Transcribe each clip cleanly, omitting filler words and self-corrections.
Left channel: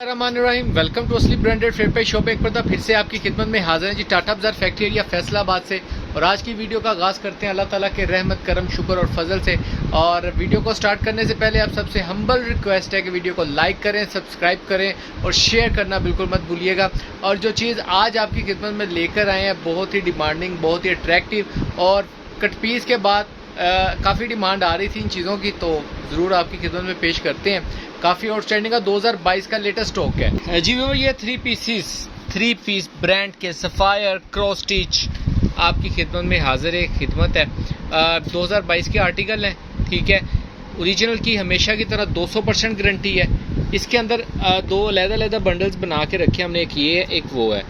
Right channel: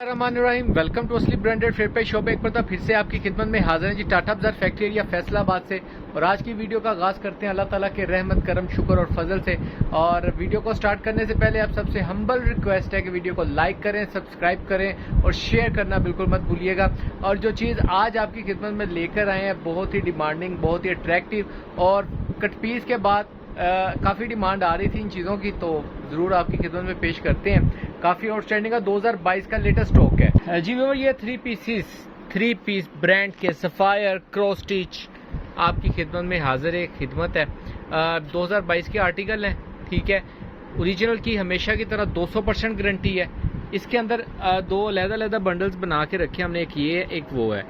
Rahim welcome to असली branded fair पे shop. एक बार फिर से आपकी खिदमत में हाजिर है जी टाटा बाजार फैक्ट्री एरिया फैसलाबाद से। और आज की वीडियो का आगाज़ करते हैं अल्लाह ताला के रहमत करम शुक्र और फजल से। और वीडियो को स्टार्ट करने से पहले आप सबसे हम्बल रिक्वेस्ट है कि वीडियो को लाइक करें, सब्सक्राइब करें और शेयर करना बिल्कुल मत भूलिएगा। और जो चीज़ आज आपकी खिदमत में लेकर आए हैं बहुत ही डिमांडिंग, बहुत ही अट्रैक्टिव और कट पीस के बाद काफ़ी डिमांड आ रही थी इन चीज़ों की, तो ज़रूर आपकी खिदमत में पेश करते हैं। काफ़ी आउटस्टैंडिंग का 2022 का लेटेस्ट स्टॉक है जी। वो ये थ्री पीस ब्रांड के सफ़ायर क्रॉस स्टिच आपकी खिदमत में हाजिर है। खिदमत है 2022 के आर्टिकल हैं, ठीक है। ओरिजिनल की हमेशा की तरह 200% गारंटी है। इसके अंदर दो अलग-अलग बंडल्स बना के रखे हमने, एक ये एक वो है।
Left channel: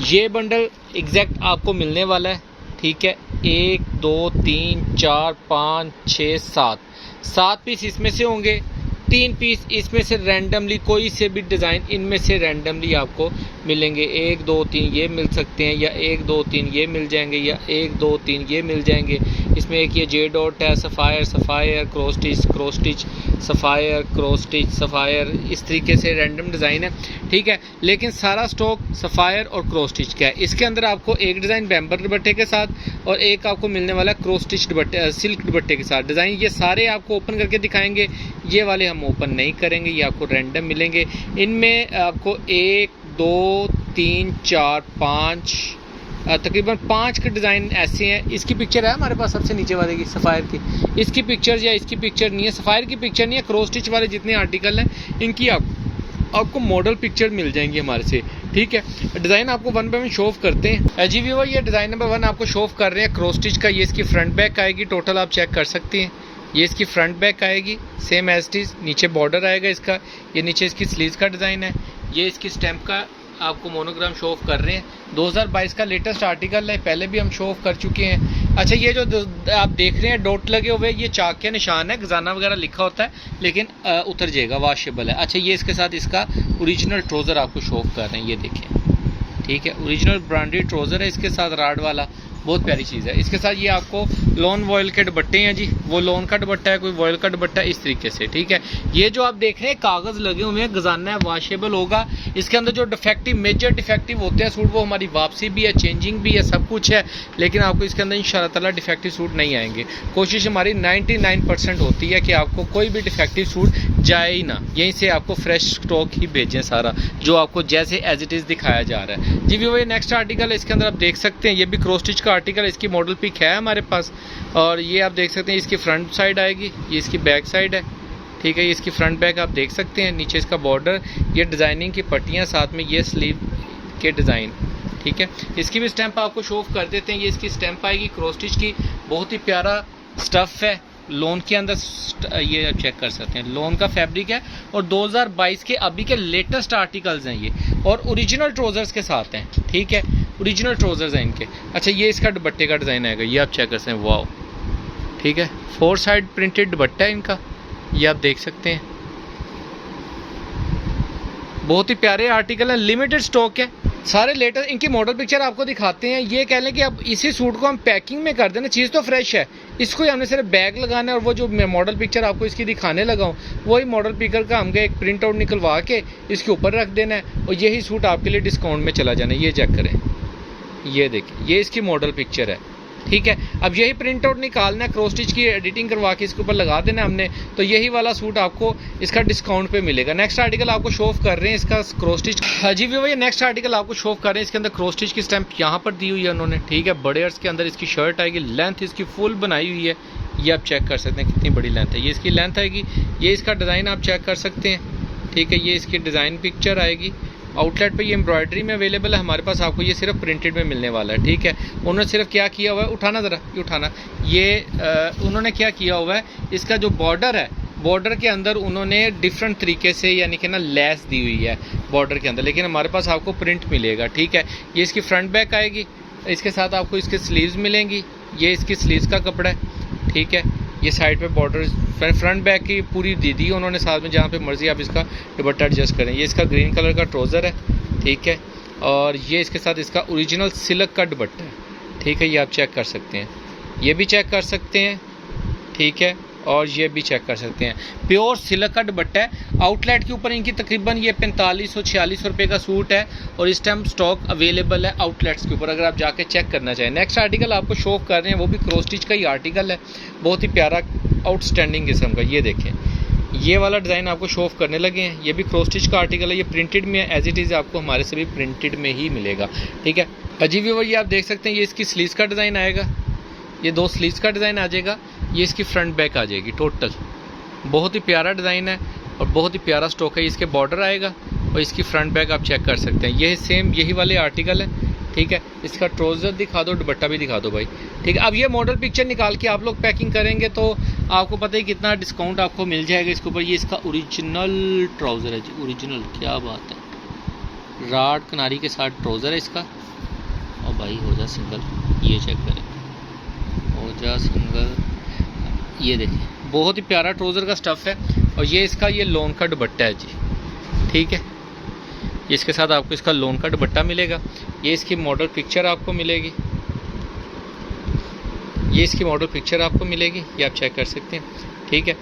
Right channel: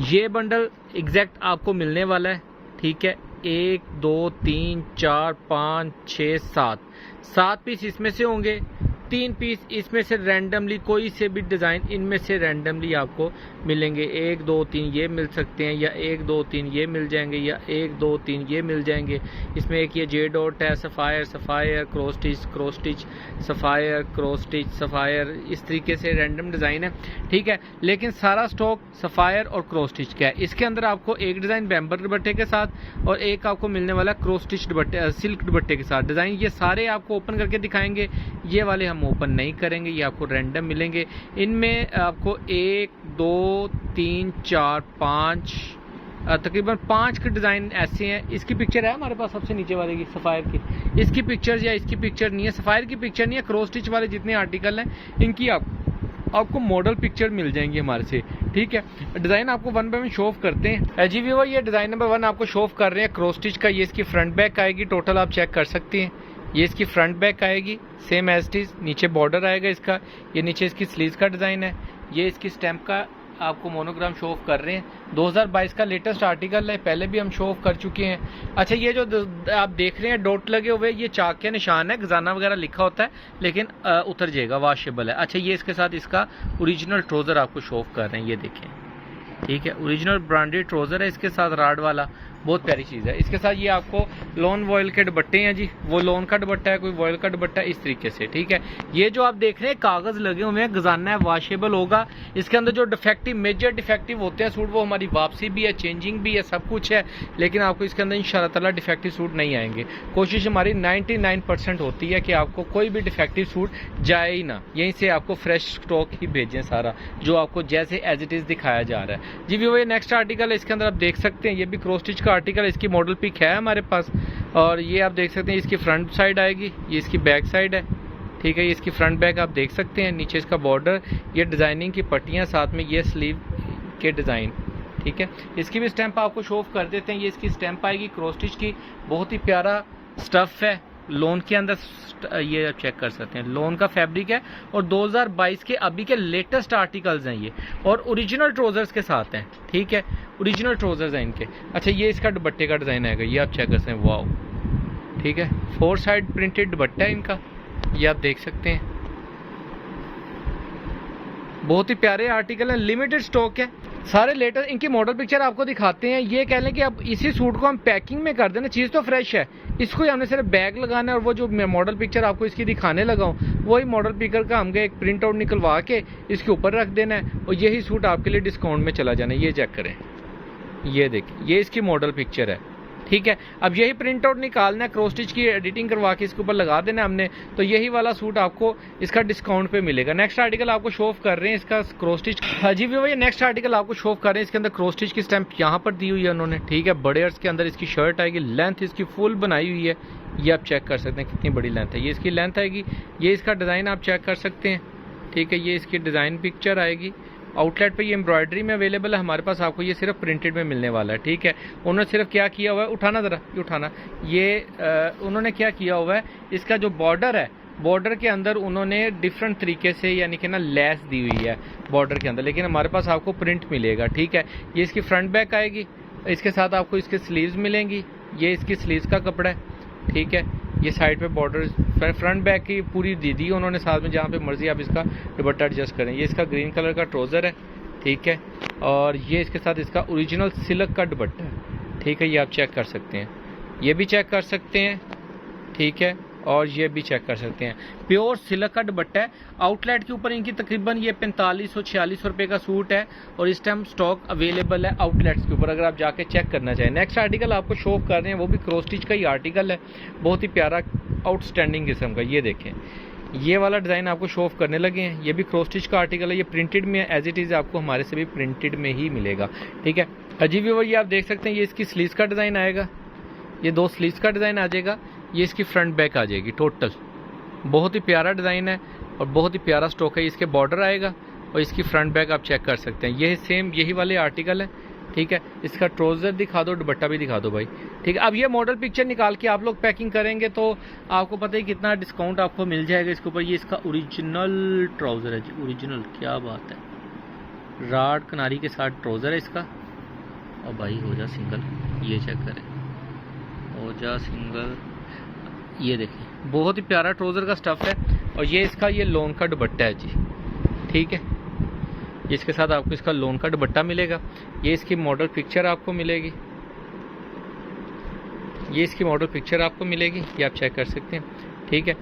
ये बंडल एग्जैक्ट आपको मिलने वाला है, ठीक है। 1 2 3 4 5 6 7 पीस इसमें से होंगे। 3 पीस इसमें से रैंडमली कोई से भी डिज़ाइन इनमें से रैंडमली आपको मिलेंगे। 1 2 3 ये मिल सकते हैं, या 1 2 3 ये मिल जाएंगे, या 1 2 3 ये मिल जाएंगे। इसमें एक ये जे डॉट है, sapphire cross stitch sapphire cross stitch sapphire, इस तरीके से रैंडम डिज़ाइन है, ठीक है। लेकिन सारा स्टॉक सफ़ायर और क्रॉस स्टिच का है। इसके अंदर आपको एक डिज़ाइन बैम्बर दुपट्टे के साथ और एक आपको मिलने वाला क्रॉस स्टिच दुपट्टे सिल्क दुपट्टे के साथ डिज़ाइन। ये सारे आपको ओपन करके दिखाएंगे, ये वाले हम ओपन नहीं करेंगे, ये आपको रैंडम मिलेंगे। इनमें आपको 1 2 3 4 5 तकरीबन 5 के डिज़ाइन ऐसे हैं। इसकी पिक्चर है हमारे पास सबसे नीचे वाले की सफ़ायर की, इसकी पिक्चर या इसकी पिक्चर नहीं है, सफ़ायर की पिक्चर नहीं है। क्रॉस स्टिच वाले जितने आर्टिकल हैं इनकी आपको मॉडल पिक्चर मिल जाएंगी हमारे से, ठीक है। डिज़ाइन आपको one by one show off करते हैं जी। वो ये डिज़ाइन नंबर 1 आपको शो ऑफ कर रहे हैं क्रॉस स्टिच का। ये इसकी फ्रंट बैक आएगी, टोटल आप चेक कर सकते हैं। ये इसकी फ्रंट बैक आएगी सेम एज इट इज़, नीचे बॉर्डर आएगा इसका। ये नीचे इसकी स्लीव्स का डिज़ाइन है। ये इसकी स्टैम्प का आपको मोनोग्राम शो ऑफ कर रहे हैं। 2022 का लेटेस्ट आर्टिकल है, पहले भी हम शो ऑफ कर चुके हैं। अच्छा, ये जो आप देख रहे हैं डॉट लगे हुए, ये चाक के निशान है, खजाना वगैरह लिखा होता है, लेकिन उतर जाएगा, वॉशेबल है। अच्छा, ये इसके साथ इसका ओरिजिनल ट्राउज़र आपको शो ऑफ कर रहे हैं, ये देखें, ठीक है। ओरिजिनल ब्रांडेड ट्राउज़र है इसके साथ, राड वाला, बहुत प्यारी चीज़ है। इसके साथ ये आपको लॉन वॉयल के दुपट्टे हैं जी, वो लॉन का दुपट्टा है, कोई वॉयल का दुपट्टा है, इस तरीके से, ठीक है। ये जो आप देख रहे हैं कागज़ लगे हुए हैं, खजाना है, वॉशेबल होगा। इसके अंदर जो डिफेक्टिव मेजर डिफेक्टिव होते हैं सूट, वो हमारी वापसी भी है, चेंजिंग भी है, सब कुछ है। लेकिन आपको इसके अंदर इंशाअल्लाह ताला डिफेक्टिव सूट नहीं आएंगे। कोशिश हमारी 99% होती है कि आपको कोई भी डिफेक्टिव सूट जाए ही ना, यहीं से आपको फ्रेश स्टॉक ही भेजें सारा, जो आपको जैसे एज इट इज़ दिखाया जा रहा है जी। वो ये नेक्स्ट आर्टिकल है, इसके अंदर आप देख सकते हैं, ये भी क्रॉस स्टिच का आर्टिकल, इसकी मॉडल पिक है हमारे पास। और ये आप देख सकते हैं इसकी फ्रंट साइड आएगी, ये इसकी बैक साइड है, ठीक है। ये इसकी फ्रंट बैक आप देख सकते हैं, नीचे इसका बॉर्डर, ये डिज़ाइनिंग की पट्टियाँ, साथ में ये स्लीव के डिज़ाइन, ठीक है। इसकी भी स्टैंप आपको शो ऑफ कर देते हैं। ये इसकी स्टैंप आएगी क्रॉस स्टिच की, बहुत ही प्यारा स्टफ़ है, लोन के अंदर ये आप चेक कर सकते हैं, लोन का फैब्रिक है। और 2022 के अभी के लेटेस्ट आर्टिकल्स हैं ये, और ओरिजिनल ट्राउज़र्स के साथ हैं, ठीक है। ओरिजिनल ट्राउज़र्स हैं इनके। अच्छा, ये इसका दुपट्टे का डिज़ाइन आएगा, ये आप चेक कर सकते हैं, वाओ, ठीक है। 4 साइड प्रिंटेड दुपट्टा है इनका, ये आप देख सकते हैं। बहुत ही प्यारे आर्टिकल है, लिमिटेड स्टॉक है, सारे लेटेस्ट। इनकी मॉडल पिक्चर आपको दिखाते हैं। ये कह लें कि अब इसी सूट को हम पैकिंग में कर देना, चीज़ तो फ्रेश है, इसको ही हमने सिर्फ बैग लगाना है। और वो जो मैं मॉडल पिक्चर आपको इसकी दिखाने लगा हूँ, वही मॉडल पिक्चर का हमको एक प्रिंट आउट निकलवा के इसके ऊपर रख देना है, और यही सूट आपके लिए डिस्काउंट में चला जाना है। ये चेक करें, ये देखिए, ये इसकी मॉडल पिक्चर है, ठीक है। अब यही प्रिंट आउट निकालना है, क्रॉस स्टिच की एडिटिंग करवा के इसके ऊपर लगा देना हमने, तो यही वाला सूट आपको इसका डिस्काउंट पे मिलेगा। नेक्स्ट आर्टिकल आपको शो ऑफ कर रहे हैं इसका क्रॉस स्टिच। हाँ जी भैया, नेक्स्ट आर्टिकल आपको शो ऑफ कर रहे हैं, इसके अंदर क्रॉस स्टिच की स्टैंप यहाँ पर दी हुई है उन्होंने, ठीक है। बड़े अर्ज के अंदर इसकी शर्ट आएगी, लेंथ इसकी फुल बनाई हुई है, ये आप चेक कर सकते हैं कितनी बड़ी लेंथ है। ये इसकी लेंथ आएगी, ये इसका डिज़ाइन आप चेक कर सकते हैं, ठीक है। ये इसकी डिज़ाइन पिक्चर आएगी। आउटलेट पे ये एम्ब्रॉयडरी में अवेलेबल है, हमारे पास आपको ये सिर्फ प्रिंटेड में मिलने वाला है, ठीक है। उन्होंने सिर्फ क्या किया हुआ है, उठाना ज़रा, ये उठाना, ये उन्होंने क्या किया हुआ है, इसका जो बॉर्डर है, बॉर्डर के अंदर उन्होंने डिफरेंट तरीके से यानी कि ना लेस दी हुई है बॉर्डर के अंदर, लेकिन हमारे पास आपको प्रिंट मिलेगा, ठीक है। ये इसकी फ्रंट बैक आएगी, इसके साथ आपको इसके स्लीव्स मिलेंगी, ये इसकी स्लीव्स का कपड़ा है, ठीक है। ये साइड पे बॉर्डर फ्रंट बैक की पूरी दे दी उन्होंने साथ में, जहाँ पे मर्जी आप इसका दुपट्टा एडजस्ट करें। ये इसका ग्रीन कलर का ट्राउज़र है, ठीक है। और ये इसके साथ इसका ओरिजिनल सिल्क का दुपट्टा है, ठीक है। ये आप चेक कर सकते हैं, ये भी चेक कर सकते हैं, ठीक है। और ये भी चेक कर सकते हैं, प्योर सिल्क का दुपट्टा है। आउटलेट के ऊपर इनकी तकरीबन ये 4500-4600 रुपये का सूट है और इस टाइम स्टॉक अवेलेबल है आउटलेट्स के ऊपर, अगर आप जाके चेक करना चाहें। नेक्स्ट आर्टिकल आपको शो कर रहे हैं, वो भी क्रॉस स्टिच का ही आर्टिकल है, बहुत ही प्यारा आउटस्टैंडिंग किस्म का। ये देखें, ये वाला डिज़ाइन आपको शो ऑफ करने लगे हैं। ये भी क्रॉस स्टिच का आर्टिकल है, ये प्रिंटेड में एज इट इज़ आपको हमारे से भी प्रिंटेड में ही मिलेगा, ठीक है। अजीब व्यूअर, ये आप देख सकते हैं, ये इसकी स्लीव्स का डिज़ाइन आएगा, ये 2 स्लीव्स का डिज़ाइन आ जाएगा, ये इसकी फ्रंट बैक आ जाएगी टोटल। बहुत ही प्यारा डिज़ाइन है और बहुत ही प्यारा स्टॉक है। इसके बॉर्डर आएगा और इसकी फ्रंट बैक आप चेक कर सकते हैं। ये सेम यही वाले आर्टिकल है, ठीक है। इसका ट्राउज़र दिखा दो, दुपट्टा भी दिखा दो भाई, ठीक है। अब ये मॉडल पिक्चर निकाल के आप लोग पैकिंग करेंगे तो आपको पता है कितना डिस्काउंट आपको मिल जाएगा इसके ऊपर। ये इसका ओरिजिनल ट्राउज़र है जी, ओरिजिनल, क्या बात है। राड किनारी के साथ ट्राउज़र है इसका। और भाई हो जा सिंगल, ये चेक करें, हो जा सिंगल, ये देखिए बहुत ही प्यारा ट्राउज़र का स्टफ़ है। और ये इसका ये लोन का दुपट्टा है जी, ठीक है। इसके साथ आपको इसका लोन का दुपट्टा मिलेगा। ये इसकी मॉडल पिक्चर आपको मिलेगी, ये इसकी मॉडल पिक्चर आपको मिलेगी, ये आप चेक कर सकते हैं, ठीक है।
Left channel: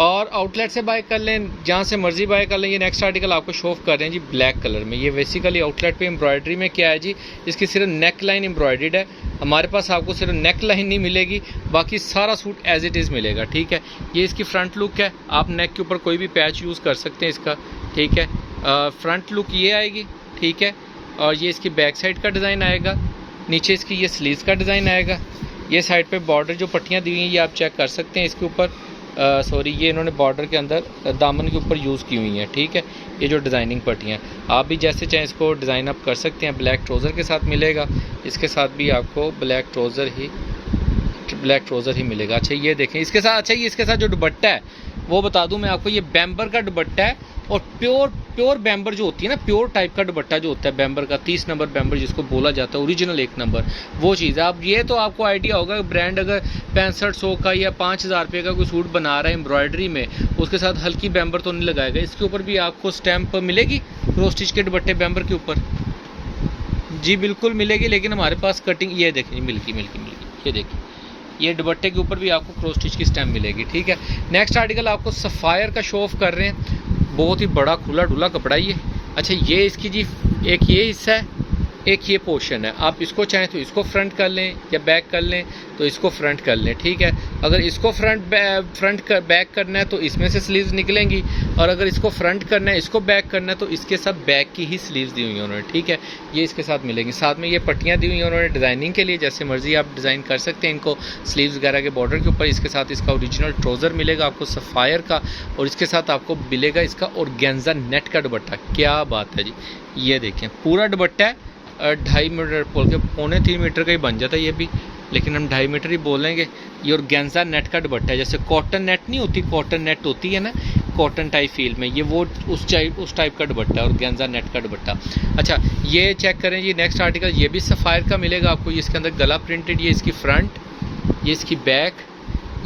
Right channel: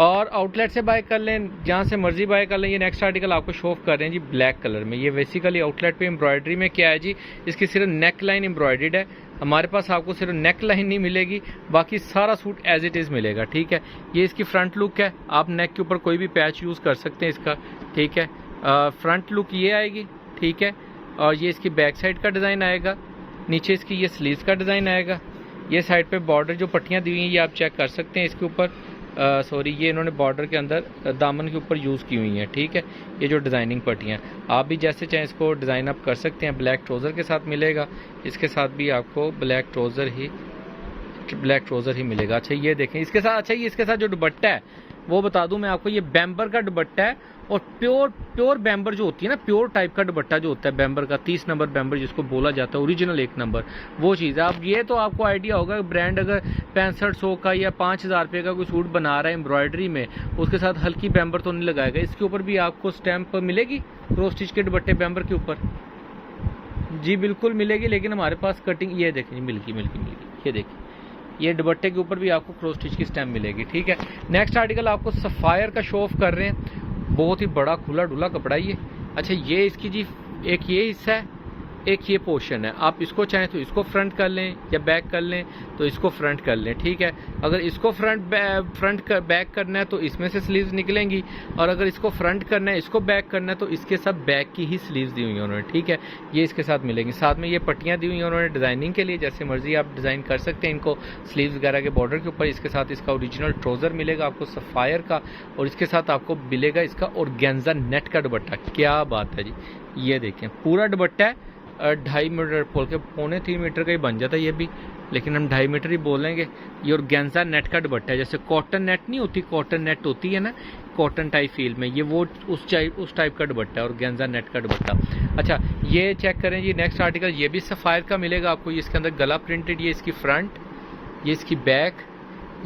और आउटलेट से बाय कर लें, जहाँ से मर्जी बाय कर लें। ये नेक्स्ट आर्टिकल आपको शो ऑफ कर रहे हैं जी ब्लैक कलर में। ये बेसिकली आउटलेट पे एम्ब्रॉयडरी में क्या है जी, इसकी सिर्फ नेक लाइन एम्ब्रॉयडर्ड है। हमारे पास आपको सिर्फ नेक लाइन नहीं मिलेगी, बाकी सारा सूट एज इट इज़ मिलेगा, ठीक है। ये इसकी फ्रंट लुक है, आप नेक के ऊपर कोई भी पैच यूज़ कर सकते हैं इसका, ठीक है। फ्रंट लुक ये आएगी, ठीक है। और ये इसकी बैक साइड का डिज़ाइन आएगा, नीचे इसकी ये स्लीव्स का डिज़ाइन आएगा। ये साइड पे बॉर्डर जो पट्टियाँ दी हुई हैं ये आप चेक कर सकते हैं इसके ऊपर। सॉरी, ये इन्होंने बॉर्डर के अंदर दामन के ऊपर यूज़ की हुई हैं, ठीक है। ये जो डिज़ाइनिंग पट्टियाँ, आप भी जैसे चाहें इसको डिज़ाइन अप कर सकते हैं। ब्लैक ट्राउज़र के साथ मिलेगा, इसके साथ भी आपको ब्लैक ट्राउज़र ही मिलेगा। अच्छा ये देखें इसके साथ, अच्छा ये इसके साथ जो दुपट्टा है वो बता दूं मैं आपको, ये बैम्बर का दुपट्टा है और प्योर बैम्बर जो होती है ना, प्योर टाइप का दुपट्टा जो होता है बैम्बर का, 30 नंबर बैम्बर जिसको बोला जाता है, ओरिजिनल 1 नंबर, वो चीज़ है। अब ये तो आपको आइडिया होगा, ब्रांड अगर 6500 का या 5000 रुपये का कोई सूट बना रहा है एम्ब्रॉयडरी में, उसके साथ हल्की बैम्बर तो नहीं लगाएगा। इसके ऊपर भी आपको स्टैंप मिलेगी क्रॉस स्टिच के दुपट्टे बैम्बर के ऊपर, जी बिल्कुल मिलेगी। लेकिन हमारे पास कटिंग, ये देखें मिल्की, ये देखिए, ये दुपट्टे के ऊपर भी आपको क्रॉस स्टिच की स्टैम्प मिलेगी, ठीक है। नेक्स्ट आर्टिकल आपको सफ़ायर का शो ऑफ कर रहे हैं, बहुत ही बड़ा खुला डुला कपड़ा ये। अच्छा ये इसकी जी एक ये हिस्सा है, एक ये पोर्शन है। आप इसको चाहें तो इसको फ्रंट कर लें या बैक कर लें तो इसको फ्रंट कर लें, ठीक है। अगर इसको बैक करना है तो इसमें से स्लीव्स निकलेंगी, और अगर इसको फ्रंट करना है, इसको बैक करना है तो इसके सब बैक की ही स्लीव्स दी हुई हैं उन्होंने, ठीक है। ये इसके साथ मिलेंगी, साथ में ये पट्टियाँ दी हुई हैं उन्होंने डिज़ाइनिंग के लिए, जैसे मर्जी आप डिज़ाइन कर सकते हैं इनको स्लीव्स वगैरह के बॉर्डर के ऊपर। इसके साथ इसका ओरिजिनल ट्राउज़र मिलेगा आपको सफ़ायर का, और इसके साथ आपको मिलेगा इसका ऑर्गेन्जा नेट का दुपट्टा। क्या बात है जी, ये देखें पूरा दुपट्टा है 2.5 मीटर बोल के 2.25 मीटर का ही बन जाता है ये भी, लेकिन हम 2.5 मीटर ही बोलेंगे। ये ऑर्गेन्जा नेट का दुपट्टा है, जैसे कॉटन नेट नहीं होती, कॉटन नेट होती है ना कॉटन टाइप फील में, ये वो उस टाइप का दुपट्टा है, ऑर्गेन्जा नेट का दुपट्टा। अच्छा ये चेक करें ये नेक्स्ट आर्टिकल, ये भी सफ़ायर का मिलेगा आपको। ये इसके अंदर गला प्रिंटेड, ये इसकी फ्रंट, ये इसकी बैक,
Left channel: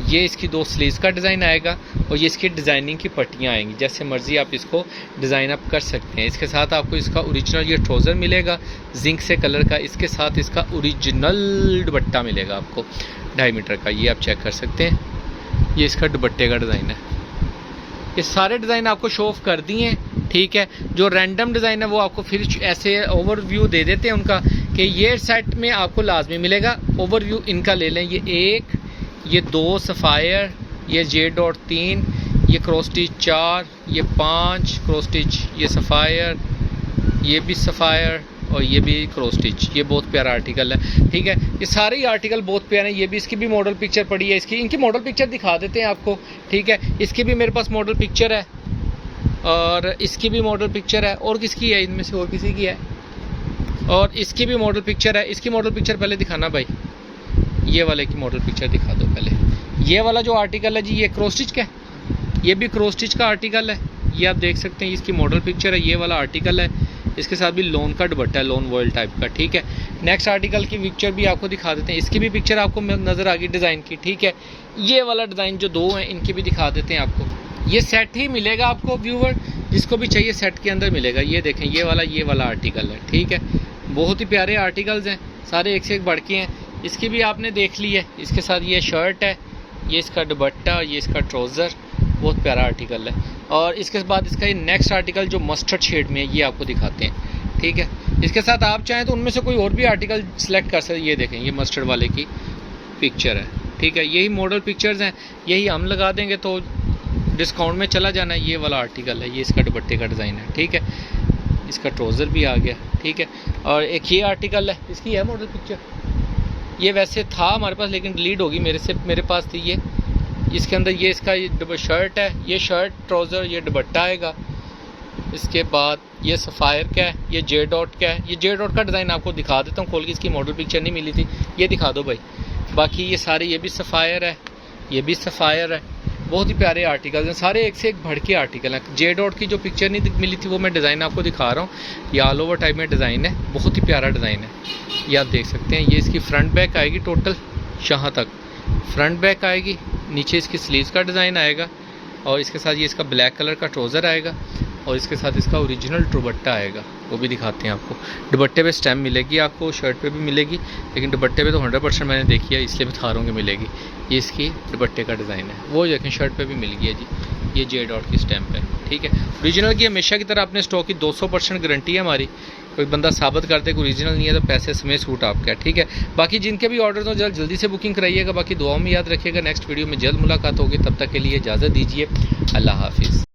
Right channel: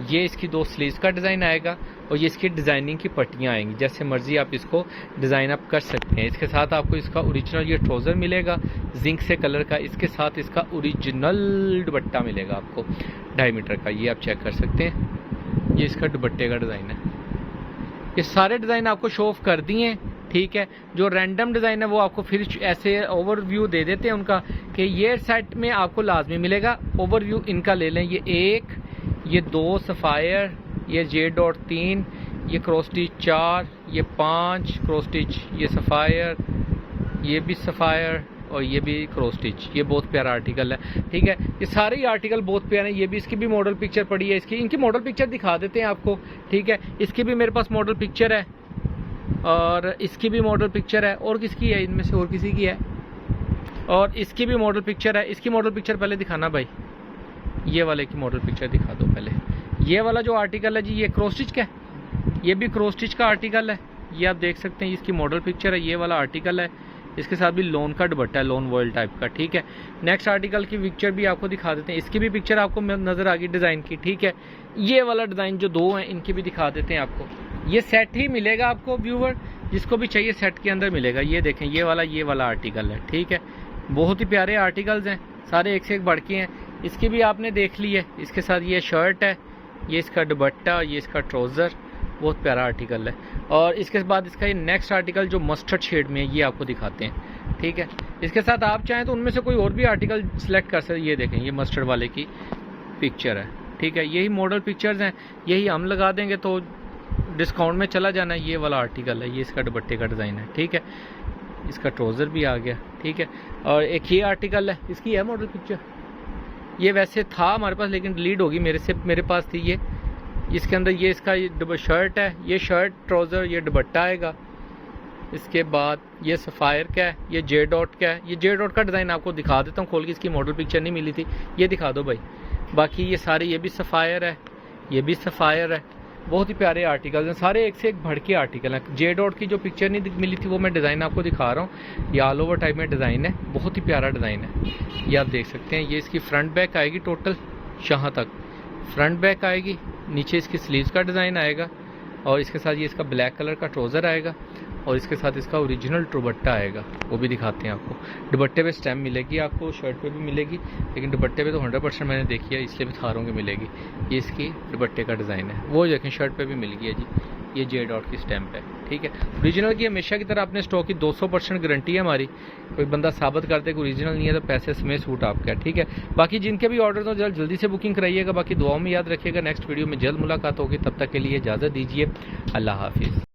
ये इसकी 2 स्लीव्स का डिज़ाइन आएगा, और ये इसकी डिज़ाइनिंग की पट्टियाँ आएंगी, जैसे मर्जी आप इसको डिज़ाइन अप कर सकते हैं। इसके साथ आपको इसका ओरिजिनल ये ट्राउज़र मिलेगा जिंक से कलर का, इसके साथ इसका ओरिजिनल दुपट्टा मिलेगा आपको 2.5 मीटर का, ये आप चेक कर सकते हैं। ये इसका दुपट्टे का डिज़ाइन है। ये सारे डिज़ाइन आपको शो ऑफ कर दिए हैं, ठीक है। जो रैंडम डिज़ाइन है वो आपको फिर ऐसे ओवरव्यू दे देते हैं उनका, कि ये सेट में आपको लाजमी मिलेगा। ओवरव्यू इनका ले लें, ये 1, ये 2 सफ़ायर, ये J.3, ये क्रॉस स्टिच 4, ये 5 क्रॉस स्टिच, ये सफ़ायर, ये भी सफ़ायर, और ये भी क्रॉस स्टिच। ये बहुत प्यारा आर्टिकल है, ठीक है। ये सारे ही आर्टिकल बहुत प्यारे हैं। ये भी इसकी भी मॉडल पिक्चर पड़ी है, इनकी मॉडल पिक्चर दिखा देते हैं आपको, ठीक है। इसकी भी मेरे पास मॉडल पिक्चर है, और इसकी भी मॉडल पिक्चर है, और किसकी है, इनमें से और किसी की है, और इसकी भी मॉडल पिक्चर है। इसकी मॉडल पिक्चर पहले दिखाना भाई, ये वाले की मॉडल पिक्चर दिखा दो पहले। ये वाला जो आर्टिकल है जी, ये क्रॉस स्टिच का है, ये भी क्रॉस स्टिच का आर्टिकल है, ये आप देख सकते हैं। इसकी मॉडल पिक्चर है, ये वाला आर्टिकल है, इसके साथ भी लोन का दुपट्टा है, लोन वॉयल टाइप का, ठीक है। नेक्स्ट आर्टिकल की पिक्चर भी आपको दिखा देते हैं, इसकी भी पिक्चर आपको नज़र आ गई डिज़ाइन की, ठीक है। ये वाला डिज़ाइन जो 2 हैं इनकी भी दिखा देते हैं आपको। ये सेट ही मिलेगा आपको व्यूवर, जिसको भी चाहिए सेट के अंदर मिलेगा। ये देखें ये वाला आर्टिकल है, ठीक है। बहुत ही प्यारे आर्टिकल्स हैं, सारे एक से एक बढ़ के हैं। इसकी भी आपने देख ली है, इसके साथ ये शर्ट है, ये इसका दुपट्टा, ये इसका ट्राउज़र, बहुत प्यारा आर्टिकल है। और इसके बाद इसका ये नेक्स्ट आर्टिकल जो मस्टर्ड शेड में है ये आपको दिखाते हैं, ठीक है। इसके साथ आप चाहें तो उनमें से कोई और भी आर्टिकल सेलेक्ट कर सकते हैं। ये देखें, ये मस्टर्ड वाले की पिक्चर है, ठीक है। यही मॉडल पिक्चर्स हैं, यही हम लगा देंगे तो डिस्काउंट में चला जाना है। ये वाला आर्टिकल है, ये इसका दुपट्टे का डिज़ाइन है, ठीक है। इसका ट्राउज़र भी आ गया, ठीक है। और एक ये आर्टिकल है, इसकी है मॉडल पिक्चर। ये वैसे था हमारे पास लेकिन डिलीट होगी, मेरे पास थी ये। इसके अंदर ये इसका शर्ट है, ये शर्ट ट्राउज़र, ये दुपट्टा आएगा। इसके बाद ये सफ़ायर का है, ये जे डॉट का है। ये जे डॉट का डिज़ाइन आपको दिखा देता हूँ खोल के, इसकी मॉडल पिक्चर नहीं मिली थी, ये दिखा दो भाई। बाकी ये सारे, ये भी सफ़ायर है, ये भी सफ़ायर है। बहुत ही प्यारे आर्टिकल हैं, सारे एक से एक बढ़ के आर्टिकल हैं। जे डॉट की जो पिक्चर नहीं मिली थी वो मैं डिज़ाइन आपको दिखा रहा हूँ। ये ऑल ओवर टाइप में डिज़ाइन है, बहुत ही प्यारा डिज़ाइन है, ये आप देख सकते हैं। ये इसकी फ्रंट बैक आएगी, टोटल यहाँ तक फ्रंट बैक आएगी। नीचे इसकी स्लीव्स का डिज़ाइन आएगा और इसके साथ ये इसका ब्लैक कलर का ट्राउज़र आएगा और इसके साथ इसका ओरिजिनल दुपट्टा आएगा, वो भी दिखाते हैं आपको। दुपट्टे पे स्टैम्प मिलेगी आपको, शर्ट पे भी मिलेगी, लेकिन दुपट्टे पे तो 100% मैंने देखी है इसलिए बता रहा हूँ कि मिलेगी। ये इसकी दुपट्टे का डिज़ाइन है, वो देखें शर्ट पे भी मिल गया जी। ये जे डॉट की स्टैम्प है, ठीक है। ओरिजिनल की हमेशा की तरह अपने स्टॉक की 200% गारंटी है हमारी। कोई बंदा साबित करते कि ओरिजिनल नहीं है तो पैसे समेत सूट आपका है, ठीक है। बाकी जिनके भी ऑर्डर हो जल्दी से बुकिंग कराइएगा। बाकी दुआओं में याद रखिएगा, नेक्स्ट वीडियो में जल्द मुलाकात होगी। तब तक के लिए इजाज़त दीजिए, अल्लाह हाफिज़।